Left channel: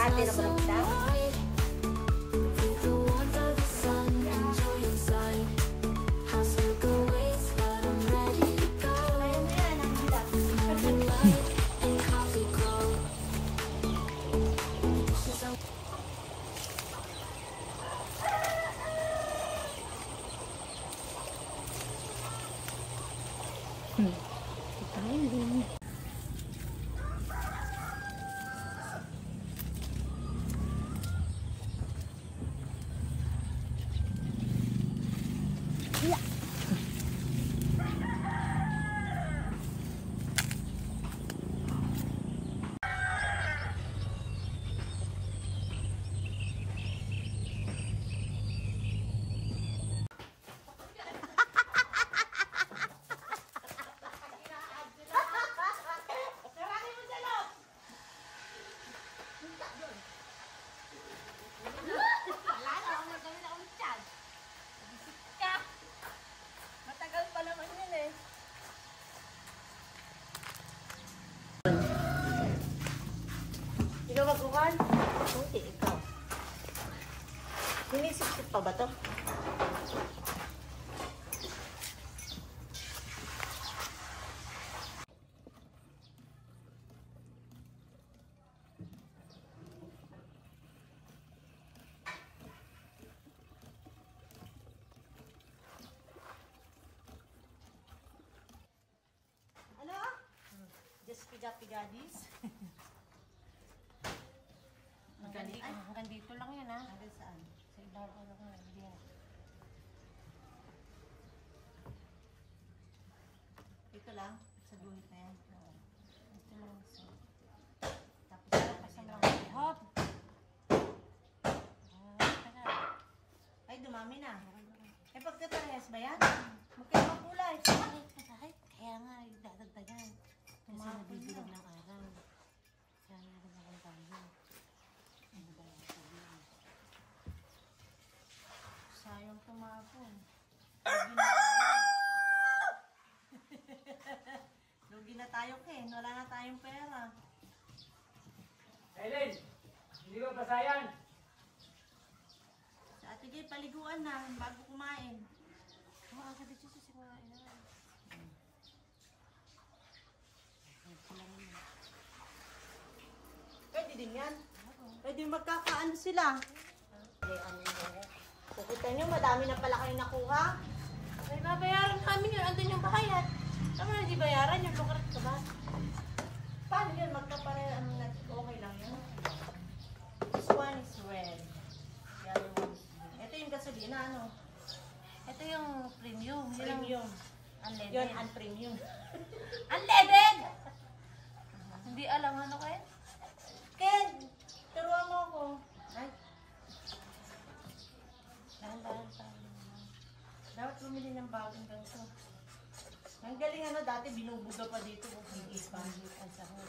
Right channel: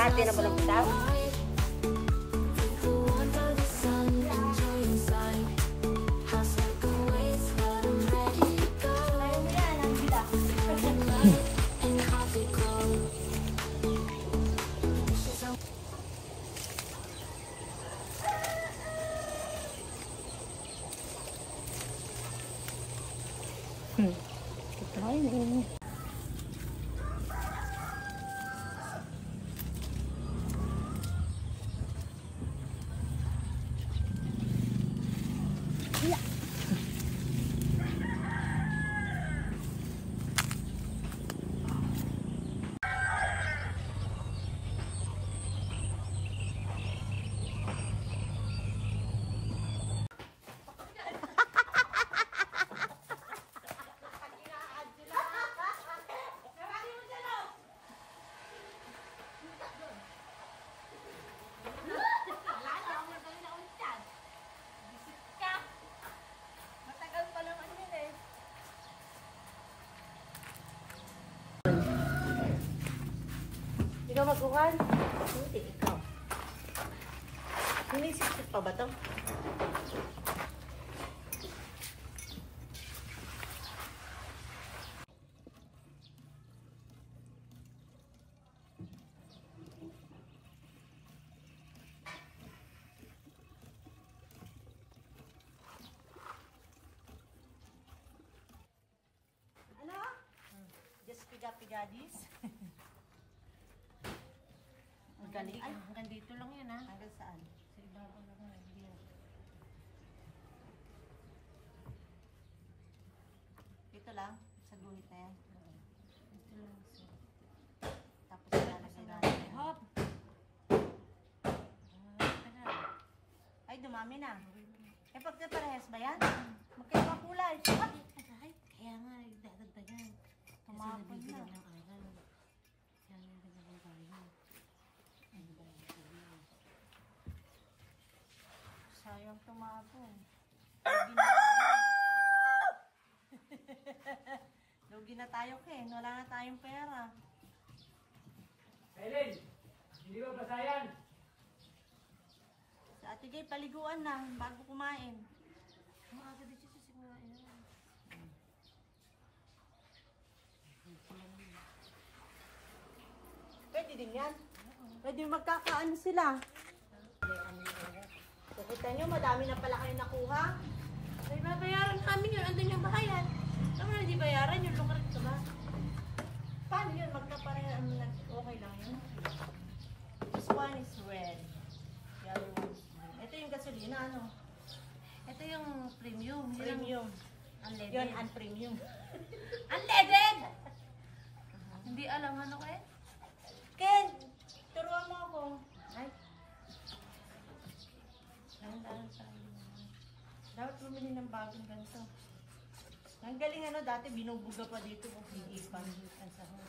Natin na ba ng bitaw? Ikaw magkukan? Hindi, ikaw. Sinisip pa ba ito? Ano? Just piga-pigadis. Hanggang dito lang yan, ha? Hanggang saan? Sa ibabaw lang yan. Dito lang? Sa guhit na yan? Oo. Dito lang. So, tapos lalagyan natin. Hop! Ay, dumami na. Eh, pagkaparehas ba yan? Magkaiba kulay. Kaya nga, dadagdagan. Tumapon na. Ng araw. Kaya nga, dadagdagan tayo. Sayang tumapon. Lugi na tayo. Lugi na tayo, Ken. Wala na tayong pera. Ellen, hindi ba pasayan? Sa Ate Gay, paliguan na bago kumain. Aga dito si kumain na. Pwede din yan. Pwede magkakaano sila. Kukita nyo, madami na pala kayo nakuha. Ay, babayaran namin yun. Andun yung bahayan. Tama na, di bayaran yun. Lukarat ka ba? Paano yun? Magkaparehan. Okay lang yun. This one is red. The other one is green. Ito yung gasolina, ano? Ito yung premium. Premium. Unleaded. Yun, unpremium. Unleaded! Hindi alam ano kayo? Ken! Turuan mo ako. Ay. Dahan-dahan pa. Dapat bumili ng bagong ganito. Ang galing ano, dati binubuga pa dito kung higipan. Ang sahod.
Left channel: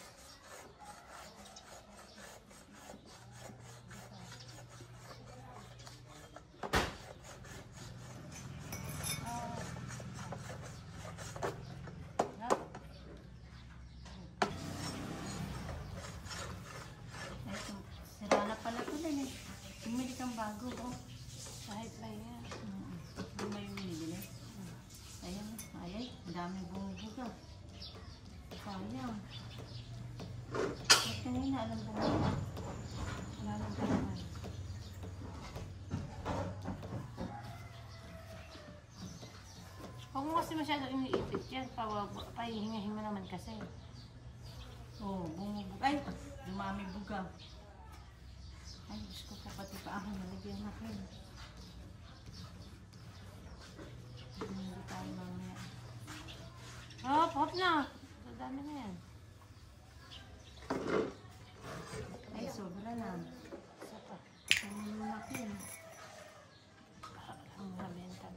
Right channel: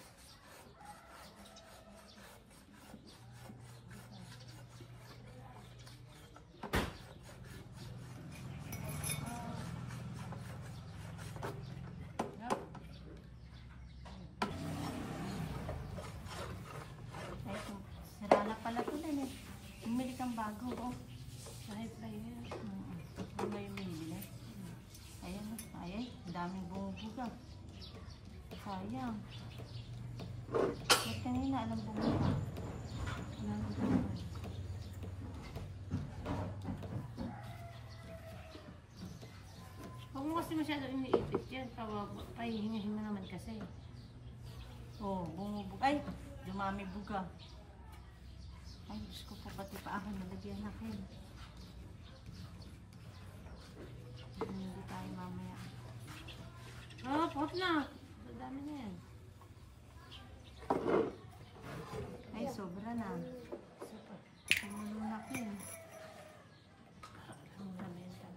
Ay, sira na pala ito din eh. Bumili kang bago oh. Kahit ba yan? Ano na yung binibili? Ayan, ay, ang daming bumubuga. Sayang. At kanina, alam bumubuga. Wala nang bumubuga. Huwag mo kasi masyadong iniipit yan. Pahihingahin mo naman kasi. Oh, bumubuga. Ay, dumami buga. Ay, Diyos ko po, pati pa ako nalagyan natin. Hindi tayo mamaya. Hop na! Dami na yan. Ay, sobra na. Ang malaki. Ang halenta.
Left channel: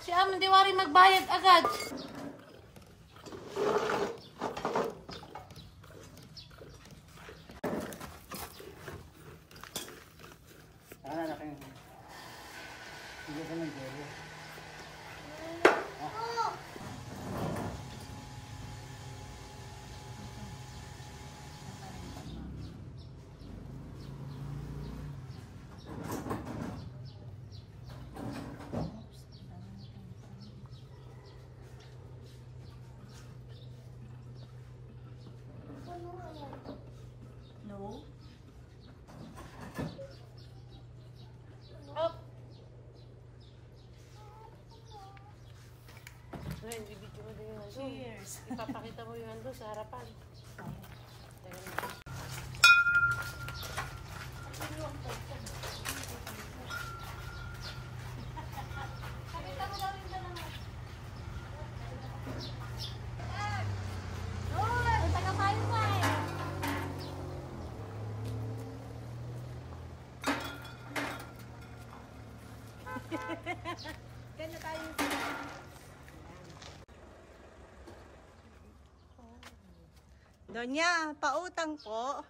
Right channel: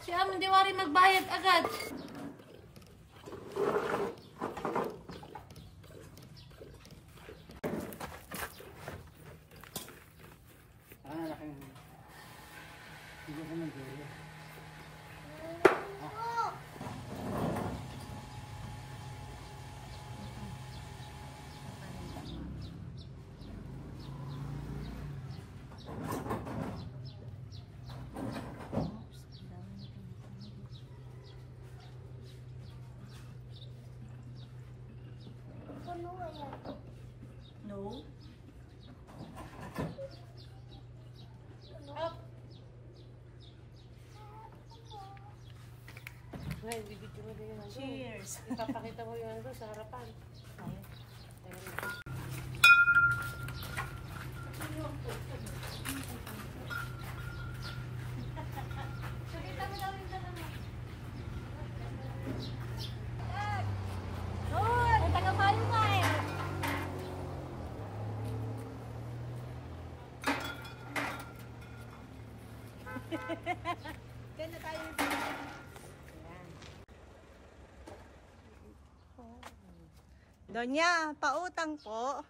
Si Amon Diwari magbayad agad. No? Up! Well, bibigyan mo din yung nandun. Cheers! Ipapakita mo yung nandun sa harapan. Tayo. Pakita mo daw yung dalawa. Hoy! Taga-palo ka eh! Diyan na tayo. Donya, pautang po.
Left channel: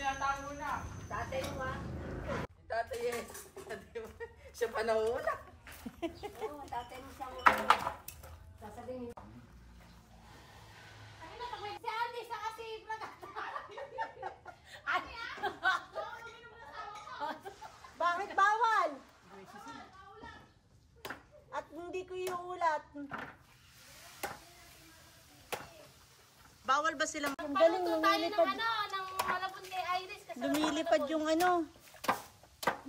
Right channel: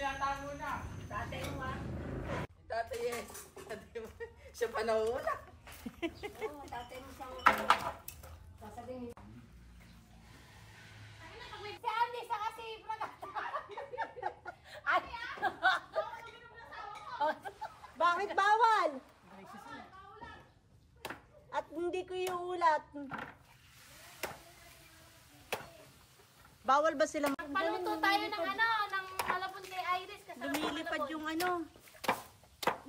Tinatawag mo na. Tatay mo ah. Tatay yes. Siya pa nauna. Oo, tatay mo siyang sasabihin. Sabi na pag may si Andy sa kasi ay! Bakit bawal? At hindi hindi ko iulat. Bawal ba sila? Paluto tayo ng ng malabon kay Iris. Kasi Lumilipad yung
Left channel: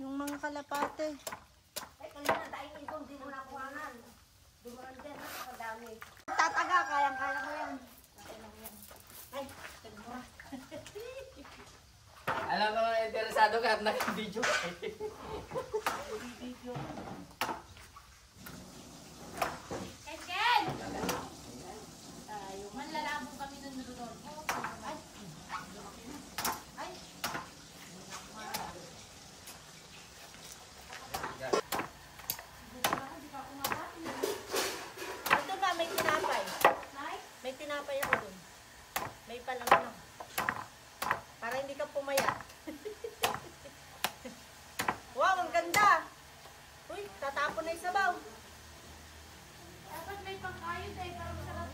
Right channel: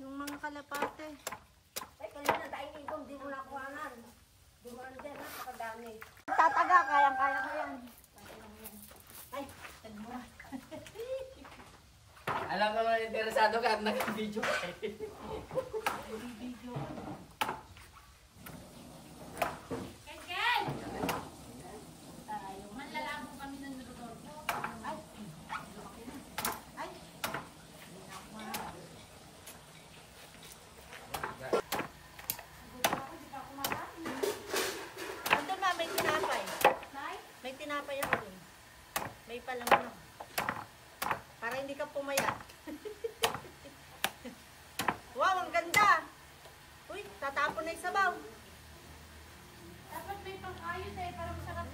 yung mga kalapate. Tataga, kayang-kaya ko yan. Ay, tagmura. Alam ko, interesado ka at naka-video ka eh. Video. Ken! Manlalabong kami ng nulunod. Ay, lumaki na. Ay. Andun ma, may tinapay. May tinapay ako dun. May palaman ako. Para hindi ka pumaya. Wow, ang ganda! Uy, tatapon na yung sabaw. Dapat may pangkayod eh, para masarap.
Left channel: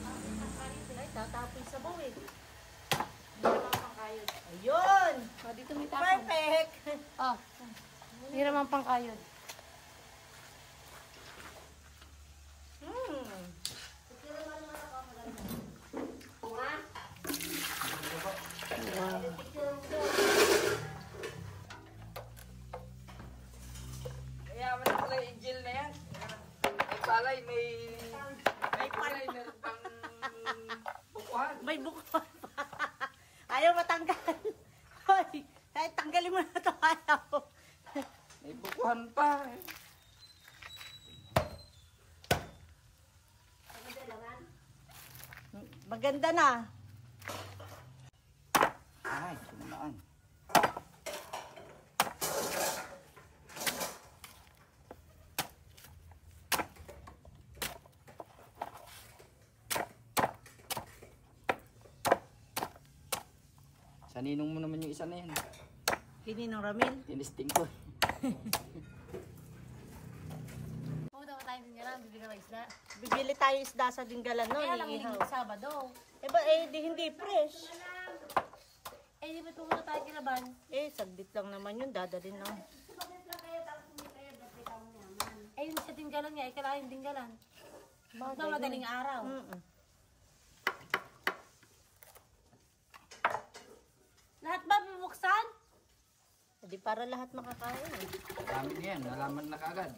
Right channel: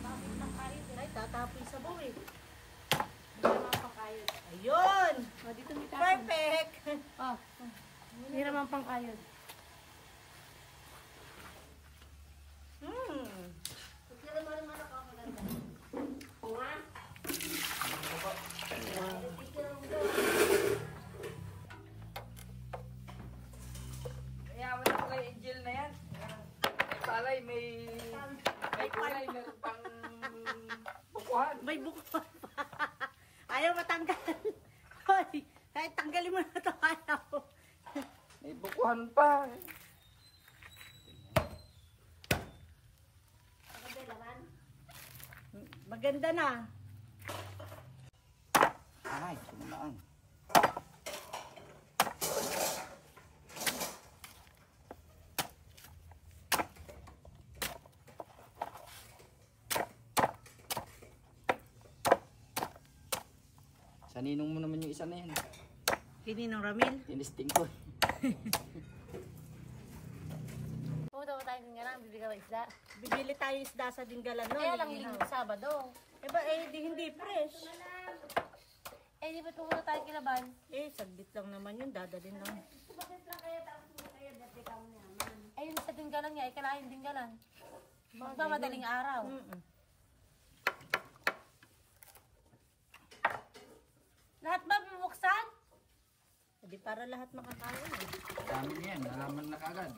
Bakit pangkayod eh? Ay, tatapon yung sabaw eh. Hindi naman pangkayod. Ayun! O, dito may tapon. Perfect! Oh, hindi naman pangkayod. Hmm. Kaya mo na pala yung Angel na yan. May palay, may kulay, meron pang bukuhan. May bukuan pa. Ayaw matanggal. Hoy, kahit tanggalin mo na ito, ayaw. May bukuhan pa. Maganda na. Ay, sumaan. Saninong mo naman yung isa na yan. Kininong Ramil. Tinisting ko. Pumunta ko tayo ng bibigyan ng isda. Bibili tayo isda sa Dinggalan no. Kaya lang iihaw. linggo Sabado. Di hindi fresh. Eh, di ba pumunta tayo kilaban? Saglit lang naman yun, dadalhin na. Ayun sa Dinggalan nga, kailangan Dinggalan. Magmamadaling araw. Lahat ba bubuksan? Di para lahat makakain. Dami yan, nalaman na kagad.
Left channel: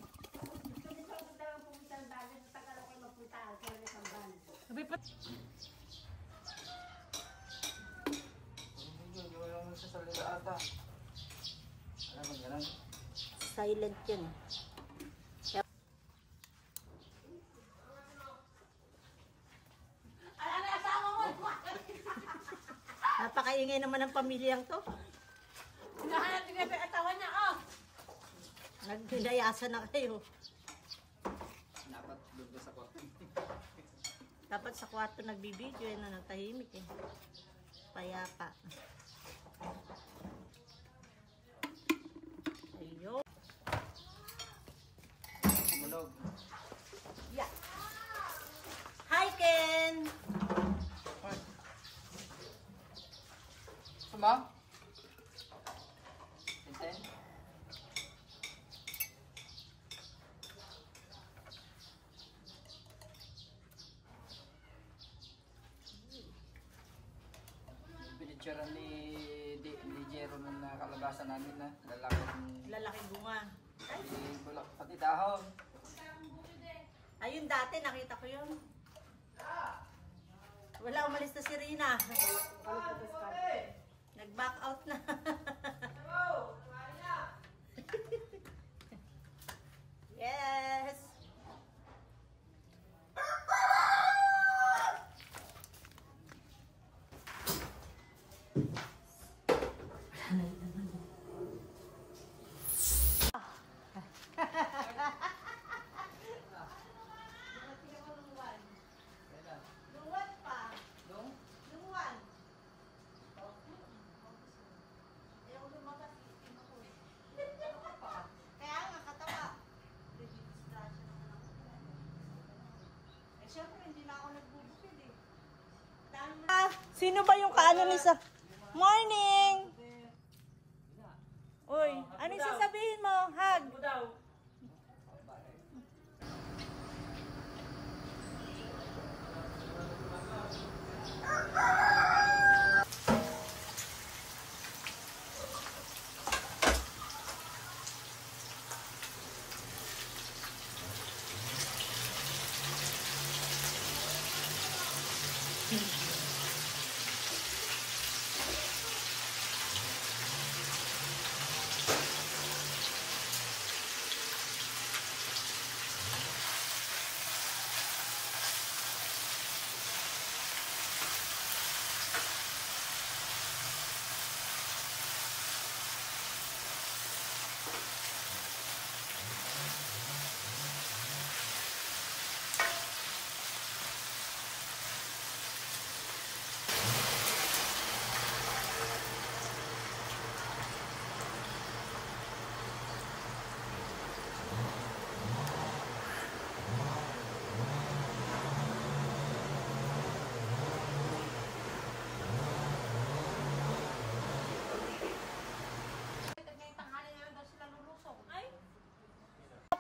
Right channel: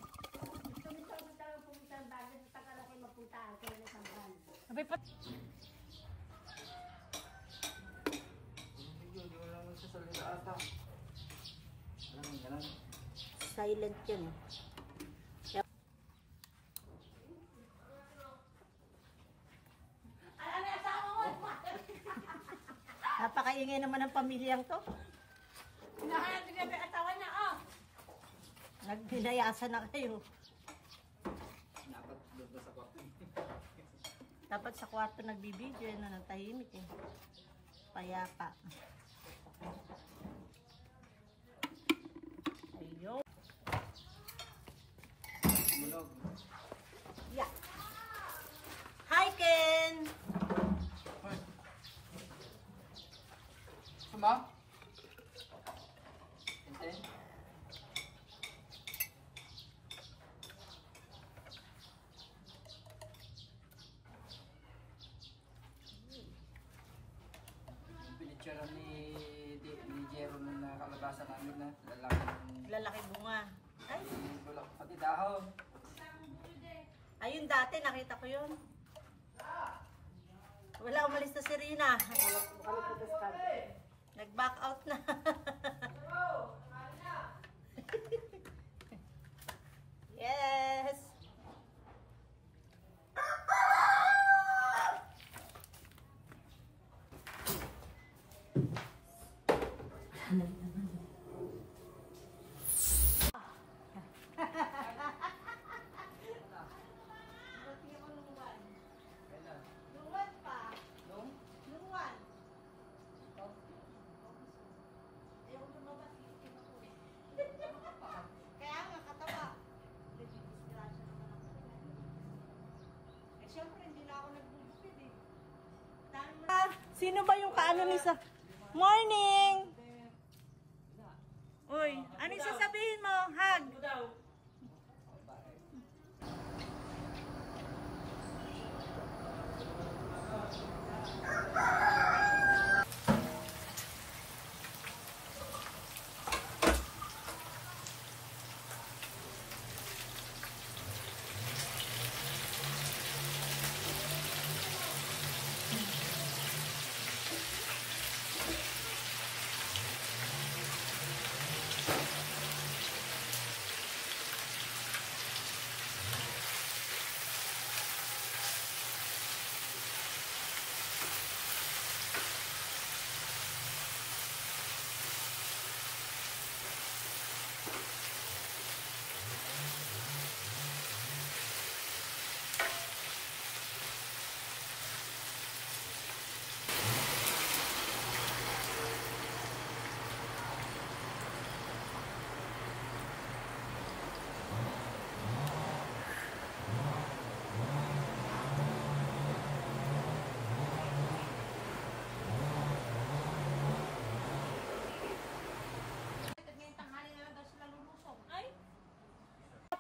Sabi pa. Hindi mo naman nagsasalita ata. Alam mo, ganun. Silent yun. Napakaingay naman ng pamilyang to. Hinahanap niya yung asawa niya, oh! Nagnilayasan na kayo. Dapat doon sa kwarto. Dapat sa kwarto nagbibideo na nagtahimik eh. Payapa. Ayun. Mulog. Yeah. Hi Ken! Suma? Enten? Binitsura ni Jero nung nakalabasan namin na Lalaki bunga. Ay, wala ko pati dahon. ayun dati nakita ko yun. Wala, umalis na si Rina. Nag-back out na. Yes. Luwan pa. Nung? Luwan. Ayaw lumabas. Kaya nga katawa. Siyempre hindi na ako nagbubukid eh. Sino ba yung kaano ni sa... Morning! Uy, ano yung sasabihin mo? Hug!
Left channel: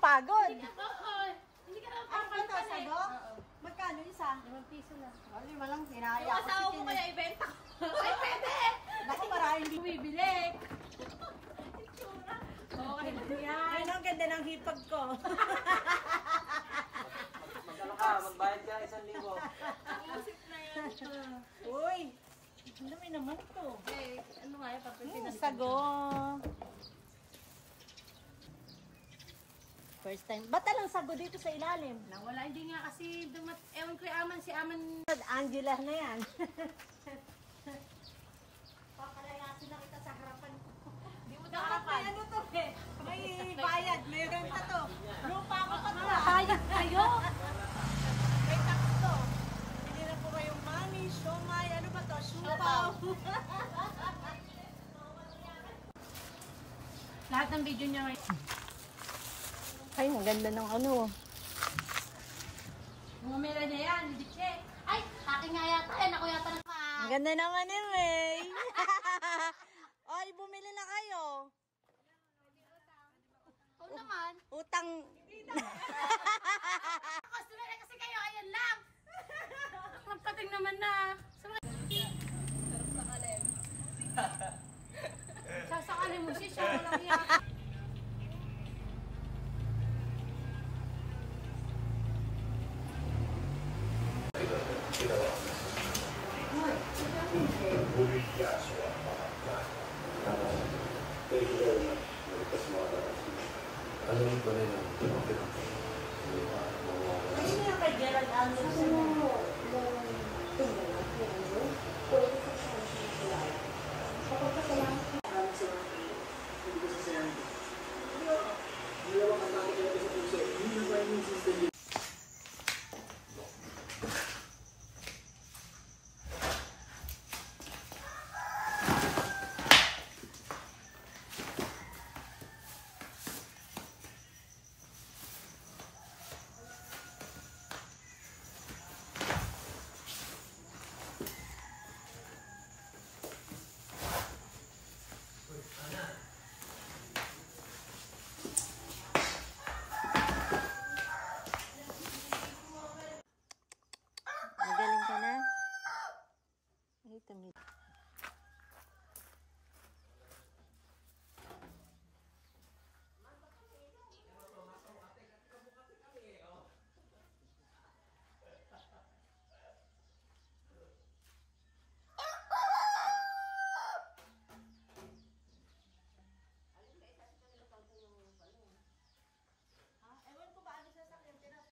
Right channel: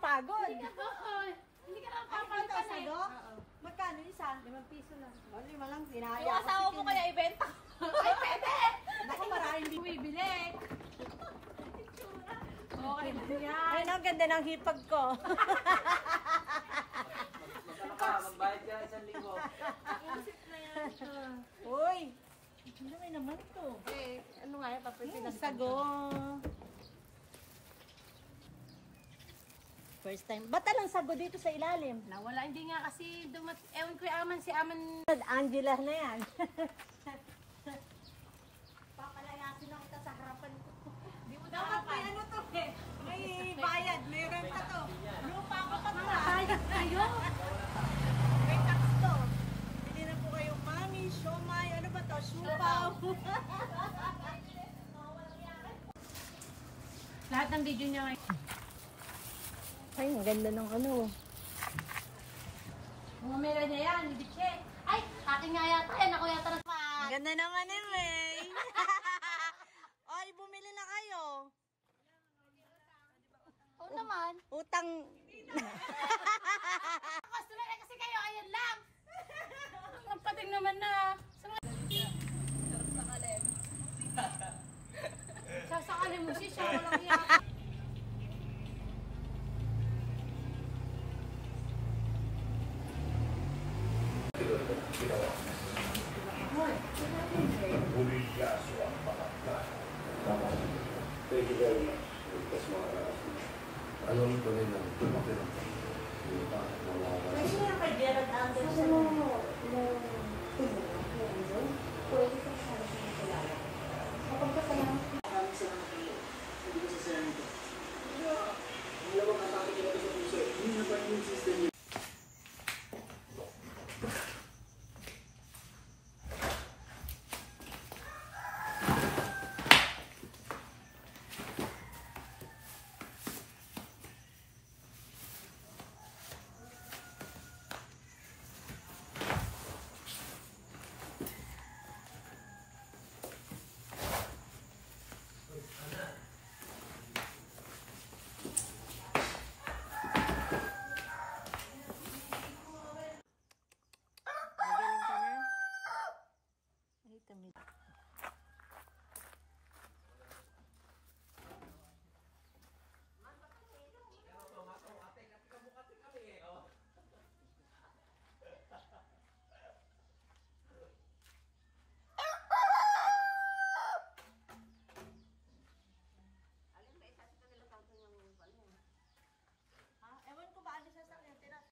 Pagod. Hindi ka na Ano ba ito, sado? Magkano isa? 5 piso lang. Ano mo lang, sinaya. Yung asawa mo kaya ibenta ko. Ay, pwede! Naku, maraming Bumibili. Okay na yan. Ay, ang ganda ng hipag ko. Magbayad ka 1,000. Isip na yan. Uy, ang dami naman ito. Eh, ano nga yan, papipinas. Sago. First time. Ba't alang sago dito sa ilalim? Nawala, hindi nga kasi ewan ko si Aman. Angela na yan. Papalayasin lang kita sa harapan ko. Dapat may ano to eh. May bayad. May renta to. Lupa ko pa to. Bayad kayo? May tax to. Hindi na po kayong mami, siomay, ano ba to? Siupaw. Lahat ng video niya ngayon. Ay, ang ganda ng ano. Bumira niya yan, hindi check. Ay, akin nga yata. Ay, ako yata na. Ang ganda naman eh, May. Ay, bumili na kayo. Oo naman. Utang. Customer na kasi kayo, ayan lang. Ang pating naman na. Sasakalin mo siya, walang iyak. Thank you very much. Kasi alam ko rin ang tumatirang Kasi nga kay Gerald Anderson. Pwede sa siya na sinakilala. Kapag ka lang, alam sa mga kayo, hindi ko sasayan ko. Hindi naman kasama ko sa puso. Hindi na pa yung system. Magaling ka na? Ay, tamid.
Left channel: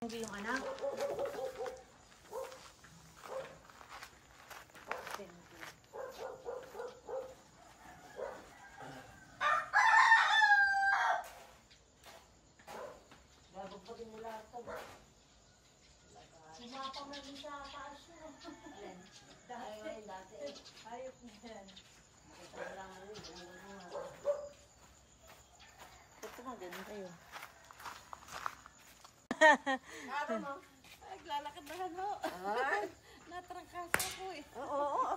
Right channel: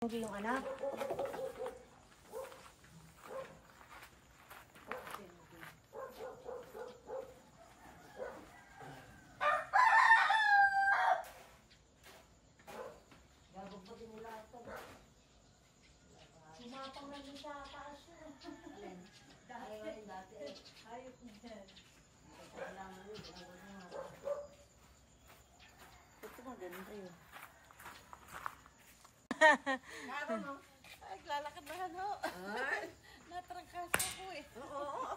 Hindi yung anak. Sumapang na din sa taas na. Dati. Ayot na yan. Ito na din kayo. Ay, lalakad na ano. Natrangkas ako eh. Oo.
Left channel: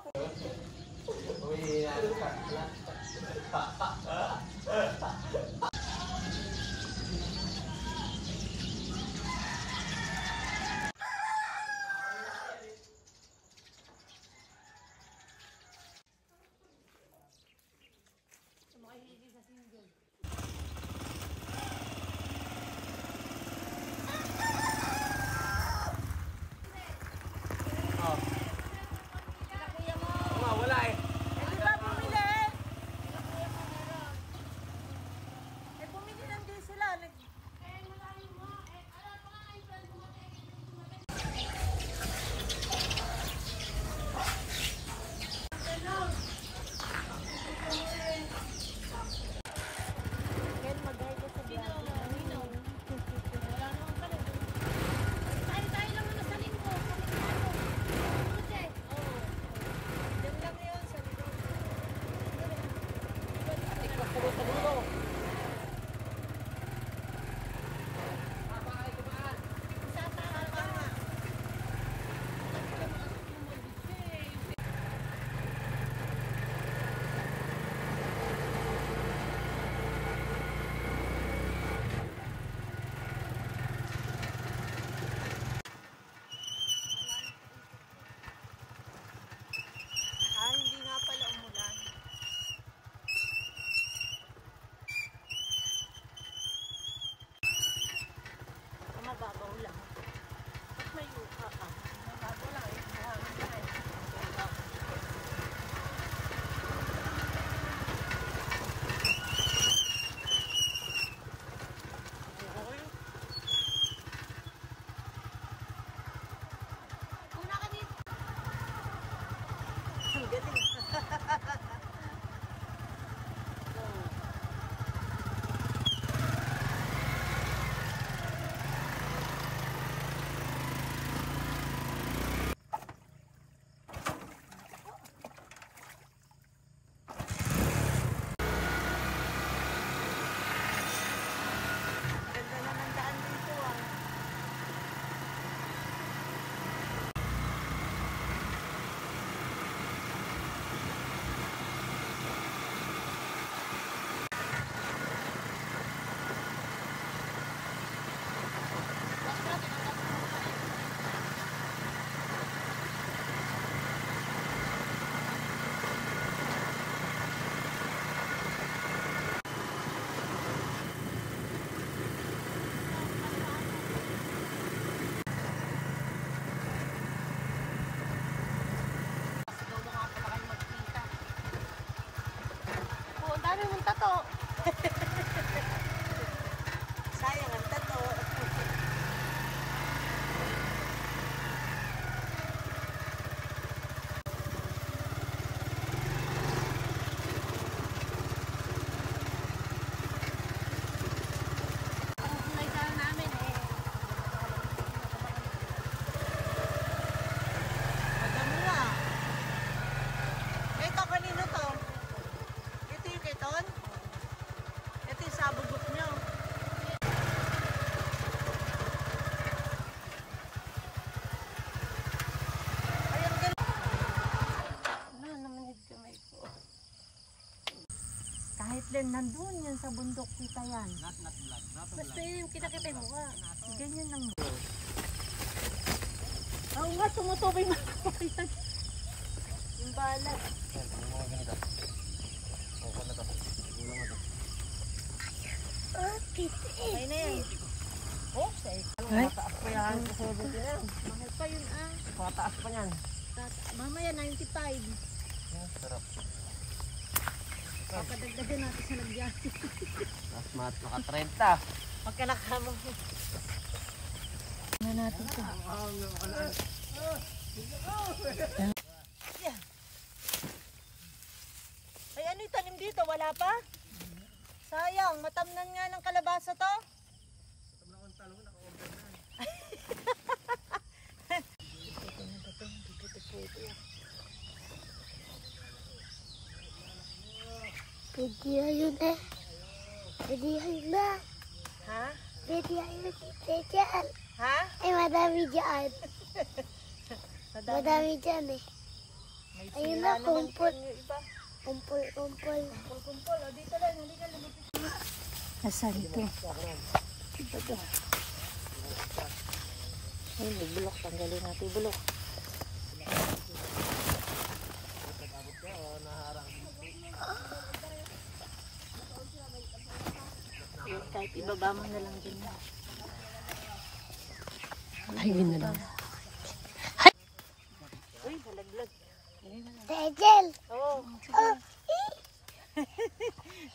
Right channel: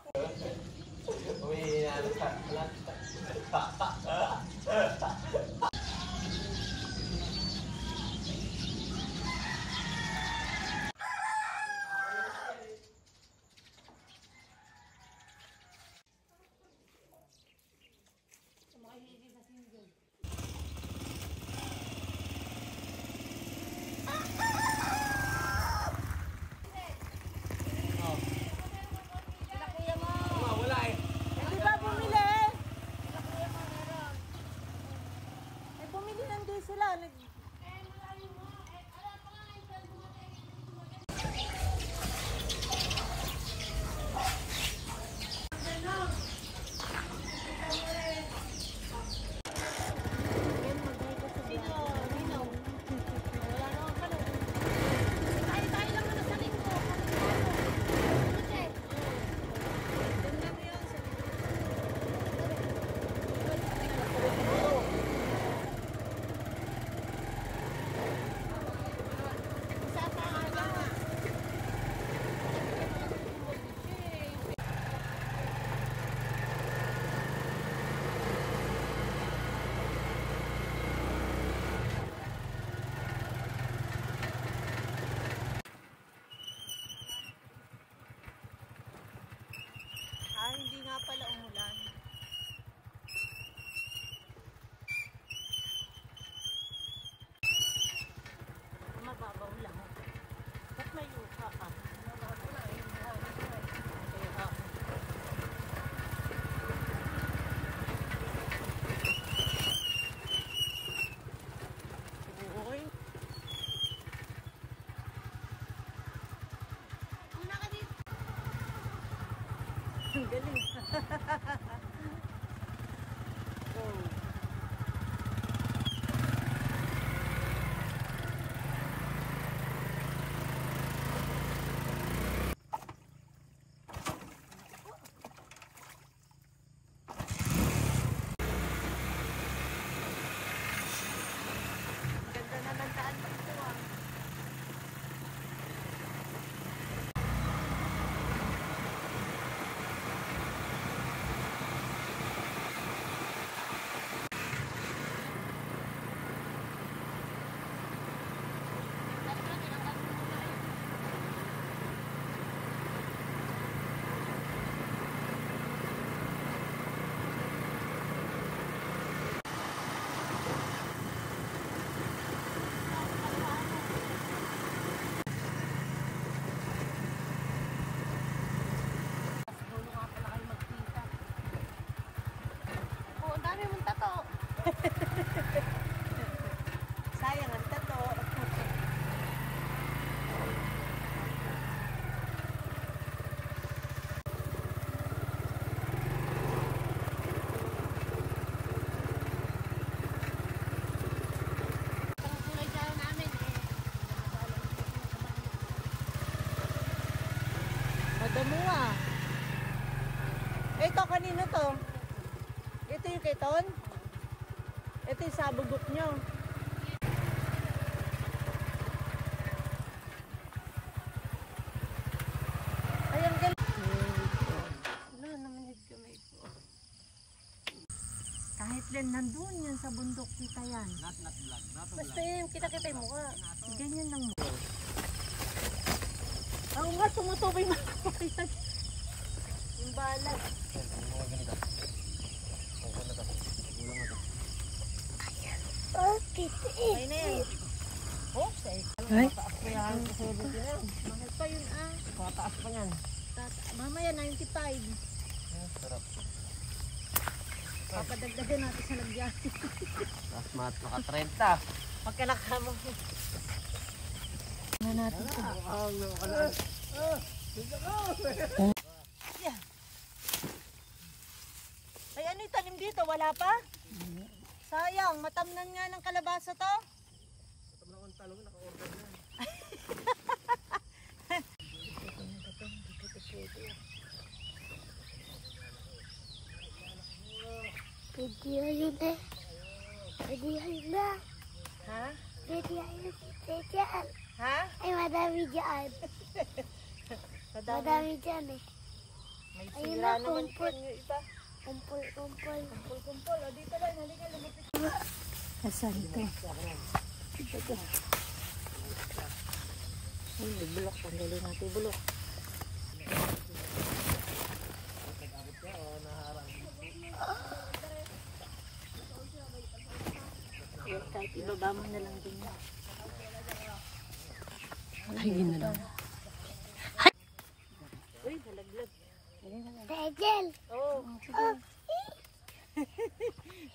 Hindi nga pala umulan. Mababaw lang. Ba't may yuka ah? Kaya Uy. Ang galing. Go. Ganda na ng daan dito ah. Sayang ang tato. Madamo ah. Ito kanino to? Ito yung keton? Ito yung sabugok nyo. Ay, ang galing. Ano naman yung kamay ko? Kahit din nandun yan sa bundok, kita yan. Not vlog. Basta yun, kita-kita yung mukha. Ganyan lang mo. Oo nga, tumutubay mga yan. Yung balat. Okay na yan. Oh, mataas pa yan. Mahal pa yun ah. Mataas pa yan. Mamaya 95. Sarap. Papadagdagan natin sa lagyan. Mas maka 30. Pagka nakama mo. Na natin ito. Yeah. Ay, ano yung tanim dito? Wala pa? Sayang, matamnan nga ng kalabasa to. Video yun na. Video yun na. Ha? Video yun. Dyan. Ha? Ay, madami dyan. Madami dyan eh. May Ayun sira na, naman kumpul. po yung iba. Kumpul. Kumpul. O, dito lang. Halika, lumapit. Asan ito? Ito to. Ay, may bulok. Tanggalin natin yung bulok. Yung kahit ibaba mo na lang din. Ay, yun na lang. Uy, halaglag. Rachel! Oo, sige.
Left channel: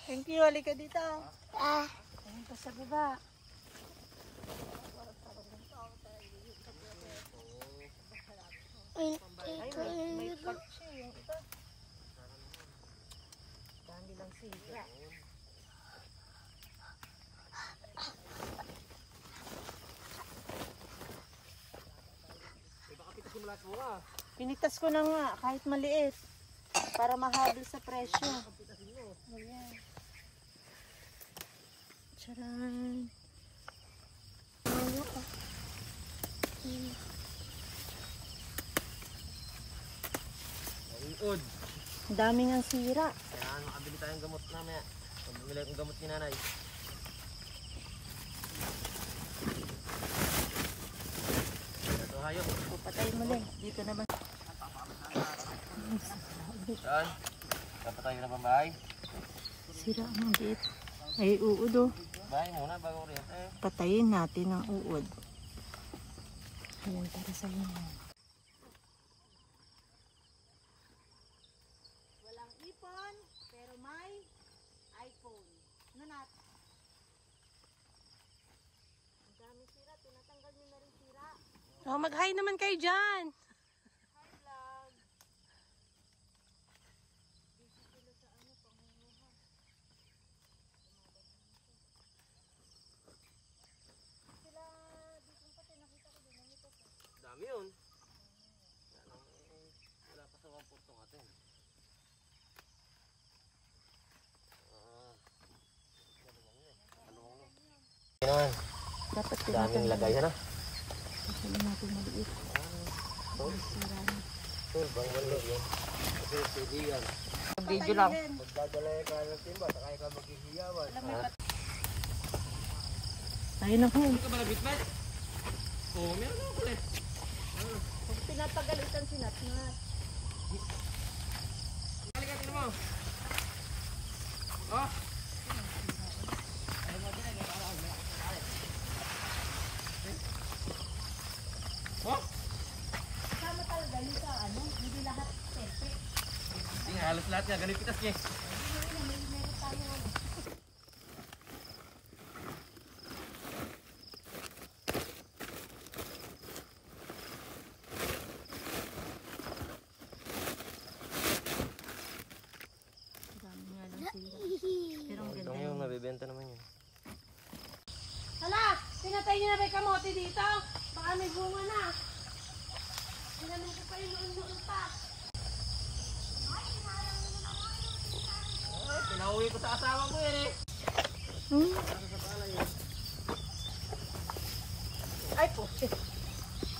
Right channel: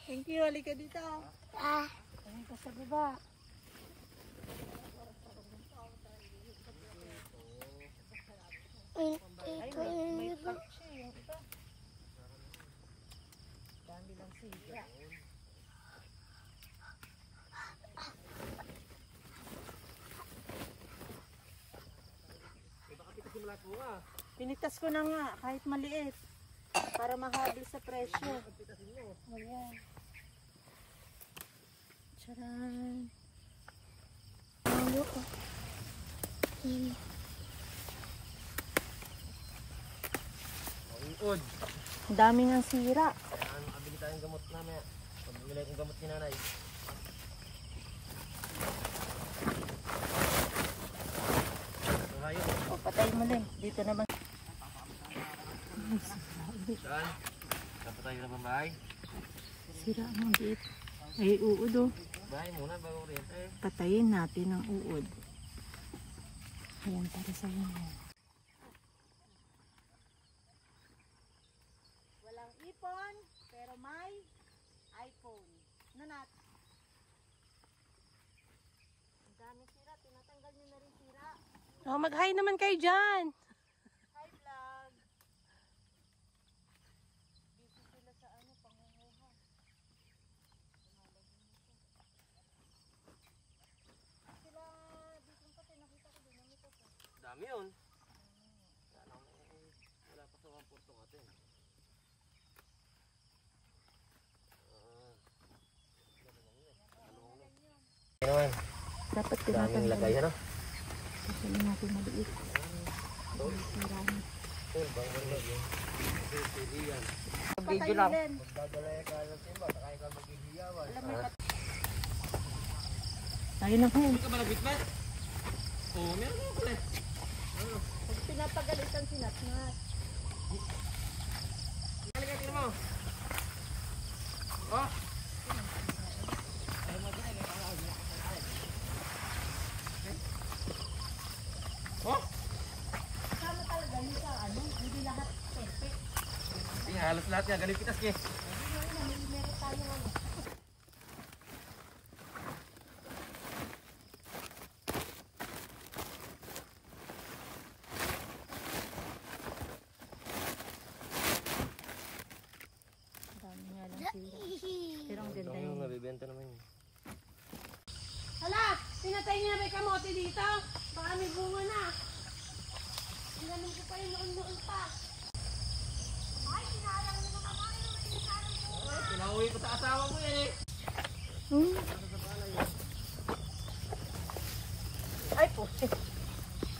Thank you, halika dito. Ah, Ayun pa sa baba. Ay, may cut siya yung iba. Dami lang siya. Pinitas ko na nga, kahit maliit. Para mahabol sa presyo. Ayan. Tcharan. Uod. Daming ang sira. Kaya makabili tayong gamot namin. Pabili akong gamot ni nanay. Ito hayop. O, patay mo lang. Dito naman. Yan. Kapatay na bang bahay? Sira ang gate. Ay, uod o. Bahay muna bago rin. Patayin natin ang uod. Ayan, para sa inyo. Walang ipon, pero may iPhone. Ano nat? Ang dami sira. Tinatanggal nyo na rin sira. Oh, mag-hi naman kayo dyan. Hi, vlog. Busy sila sa ano, pangunguha. Dami yun. Wala pa sa 1 natin. Yan. Dapat Daming lagay na. Kasi natin maliit. Video na. Tayo na ho. Hindi ka ba nabitbit? Oo, meron ako ulit. Pag pinapagalitan si Natnat. Halika, tingnan mo. Oh. Oh. Kasama talaga yun sa ano, hindi lahat perfect. Hindi nga, halos lahat nga. Galing pitas niya. Meron tayo ano. Dami nga lang sira. Pero ang ganda Yung yun. nabibenta naman yun. Hala, pinatay niyo na ba yung kamote dito? Baka may bunga na. Tinanong ko pa yun noon pa. Pinauwi ko sa asawa mo yan eh. Ay po.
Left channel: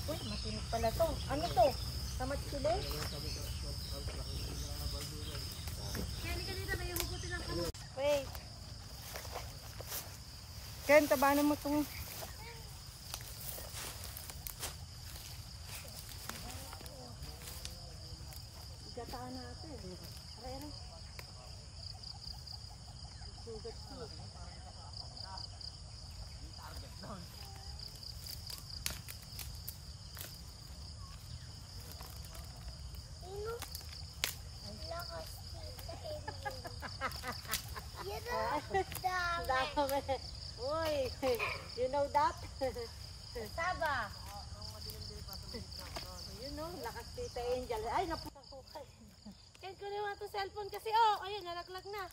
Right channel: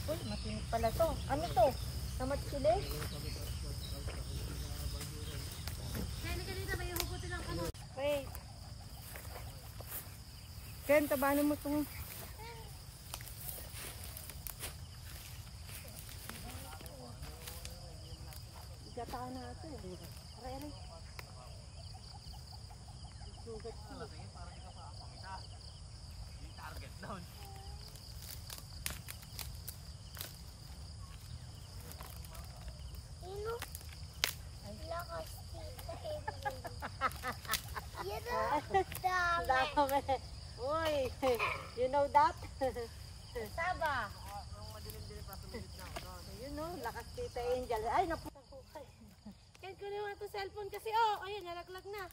Uy, matinig pala to. Ano to? Tamat sili? Kaya ka dito, may hugutin ng kamote. Wait. Ken, tabanan mo itong... Igataan natin. Aray. Sugat siya. Sino? Lakas tita Emily. Yan ang dami. Dami. Uy, you know that? Saba. Yun no, lakas tita Angel. Ay, naputak ko kay. Kaya kunin mo itong cellphone kasi, oh, ayun, nalaglag na.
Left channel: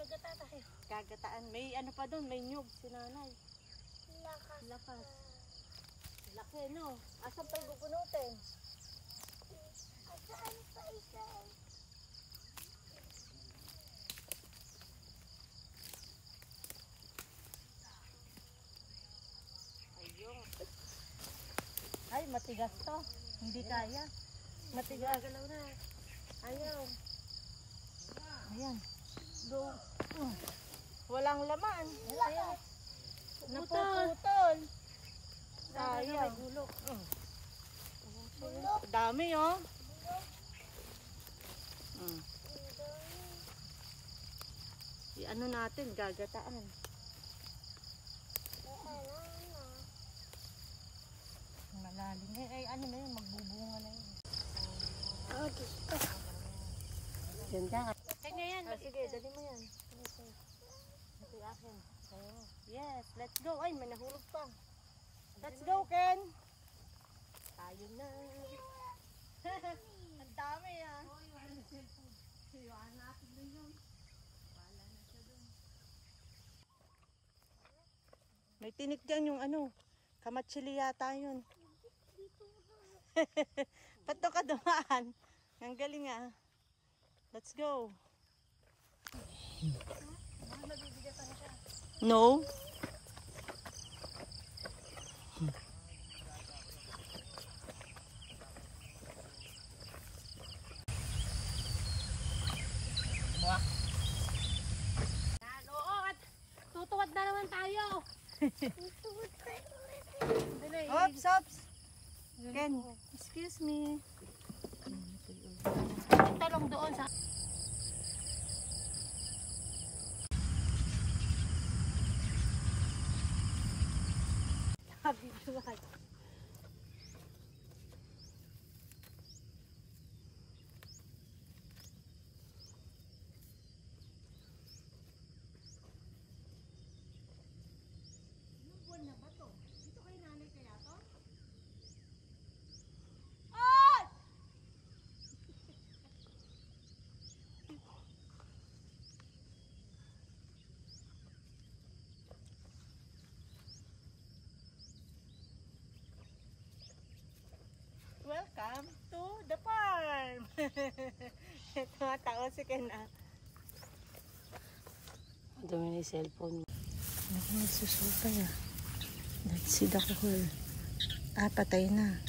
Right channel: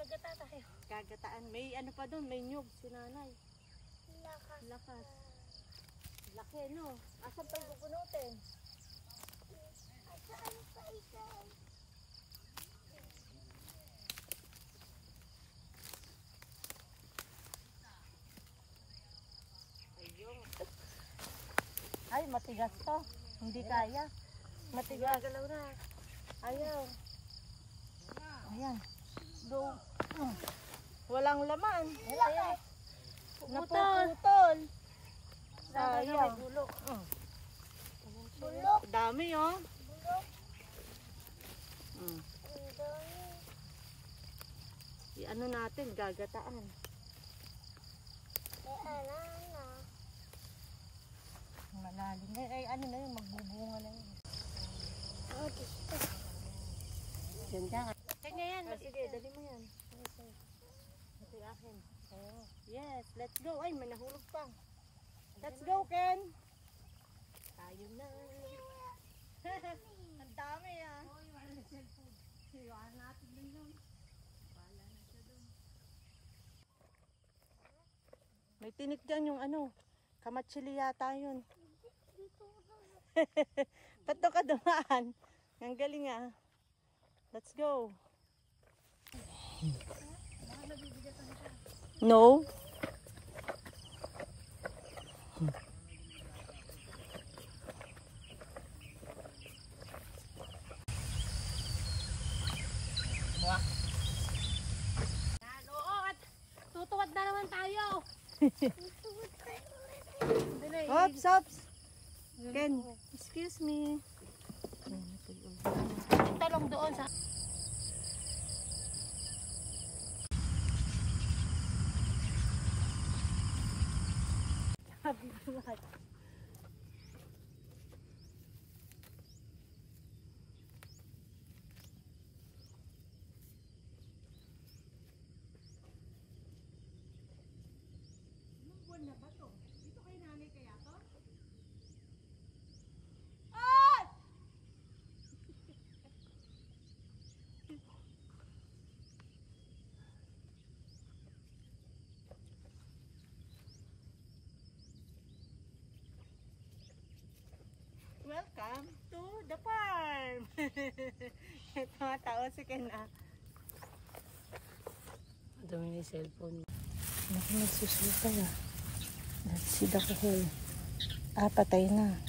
Magata tayo. Kagataan. May ano pa doon, may nyug si nanay. Lakas. Lakas. Laki no. Asan pa gugunutin? Saan pa isa? Ayun. Ay, matigas to. Hindi kaya. Matigas. Galaw na. Ayaw. Ayan. Do. Walang laman. Ayan. Napuputol. Ayaw. Dami oh. Ano natin, gagataan. Malalim. Ay, ano na yun, magbubunga na yun. Ganda. Kanya yan, Sige, dali mo yan. Ito yung akin. Oh, yes, let's go. Ay, may nahulog pa. Let's go, Ken. Tayo na. Ang dami ah. Oh, yung ano cellphone. Iwan natin din yun. Bala na siya dun. May tinik dyan yung ano. Kamatsili yata yun. Ba't doon ka dumaan? Ang galing ah. Let's go. No. Oo, at tutuwad na naman tayo. Ops, ops. Ken, excuse me. Talong doon sa... Sabi ko. Anong buwan na ba to? Dito kay nanay kaya to? Ay! Welcome to the farm! Ito mga tao si Ken ah. Dumi ni cellphone. Naku, nagsusupay ah. Let's see the hole. Ah, patay na.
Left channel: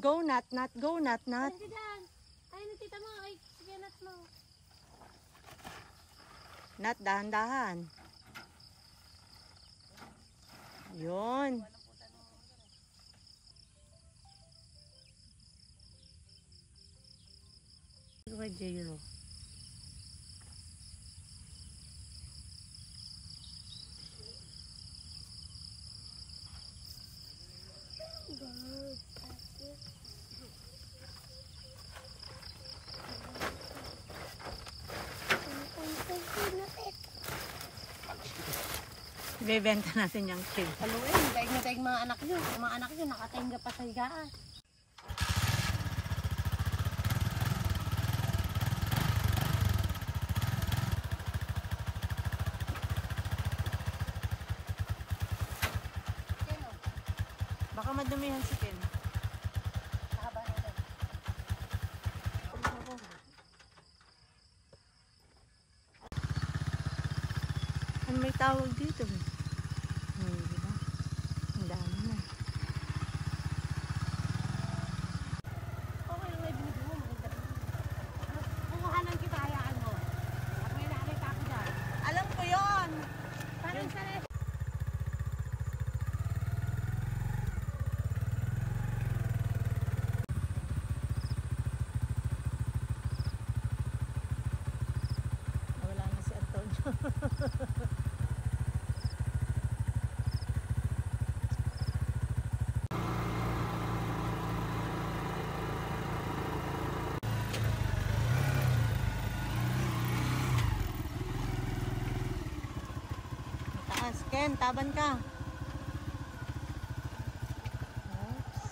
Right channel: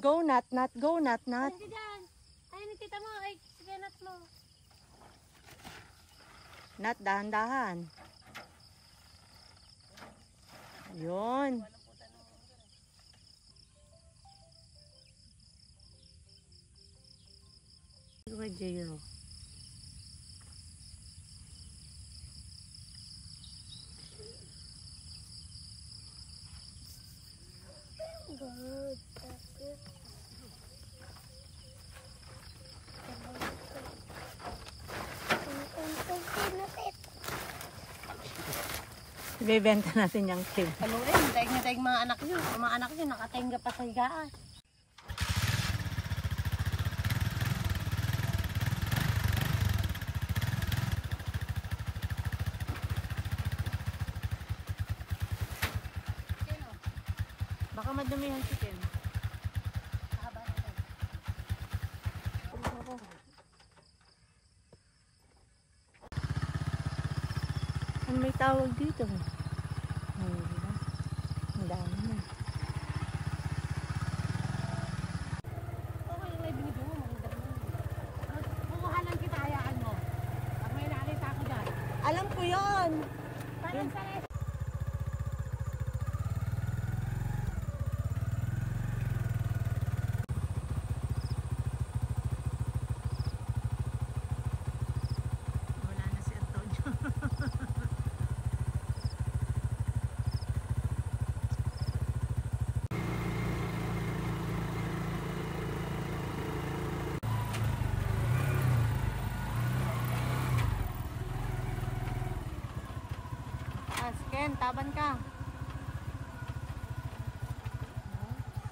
Go nat, nat, go nat, nat. Hindi dyan. Ay, nakita mo. Ay, sige, nat mo. Nat, dahan-dahan. Yun. Ito Jero. Ibebenta natin yung cube. Haluin, daig na daig mga anak nyo. Ang mga anak nyo nakatenga pa sa higaan. Baka madumihan si Ken. Ano may tawag dito? Diba? Ang dami na. Okay, may binigyan mo. Kukuhanan kita, hayaan mo. May nakita ako dyan. Alam ko yon. Yun. Sa Wala na si Antonio. Taas, Ken, taban ka. Oops.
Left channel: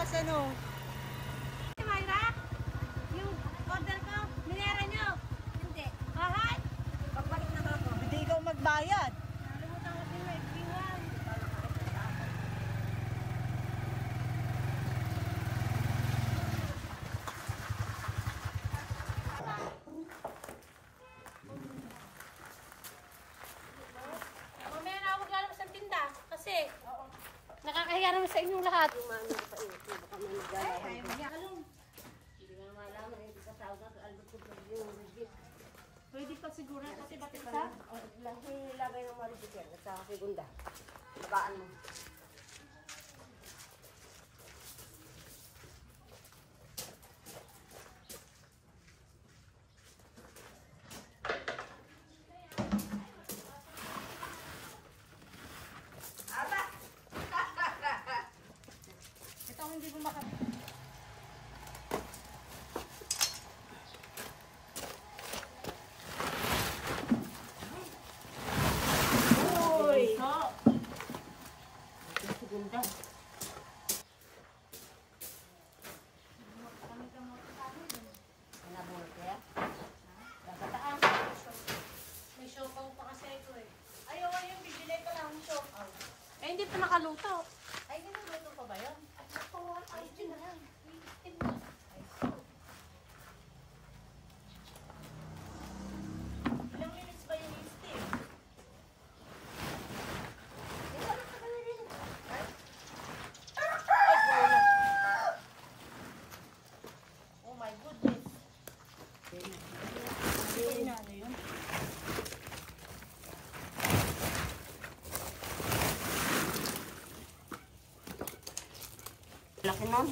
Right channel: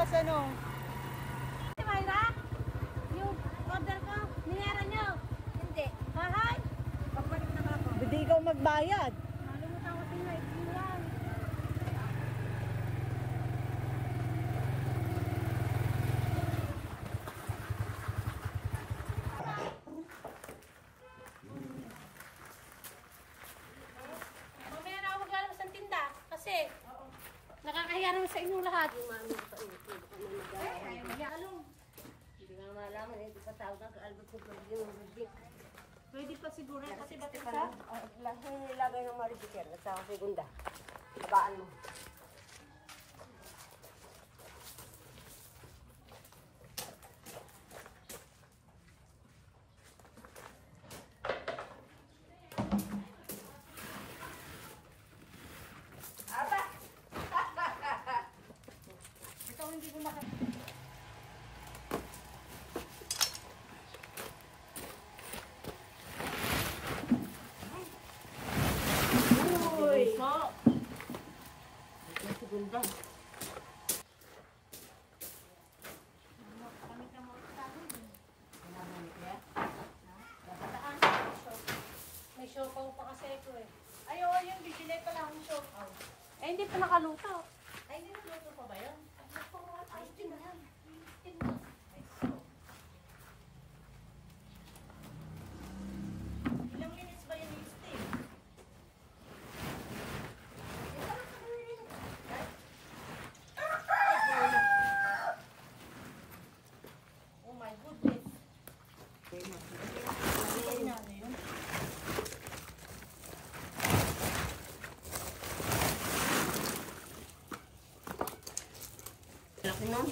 bawas ano. Mayra, yung order ko, minera nyo. Hindi. Bahay. Pagbalik na ako. Hindi ikaw magbayad. Nalimutan ko din na ipiwan. Mamaya na ako maglalabas ng tinda. Kasi, nakakahiya naman sa inyong lahat. Pwede pa siguro kasi batik ka? Lagay ng maribig yan. Sa segunda. Ibaan mo. Ito hindi ko maka... Uy! Segunda. May siopaw pa kasi ito eh. Ay, oo, yung bibili pa lang yung siopaw. Eh, hindi pa nakaluto. Ay, niluluto pa ba yan? Ay, din na lang. Ilang minutes ba yung steam? Oh my goodness. Ito na ano yun? Laki nun.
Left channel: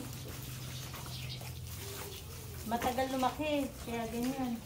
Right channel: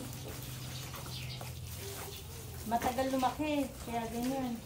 Matagal lumaki, kaya ganyan.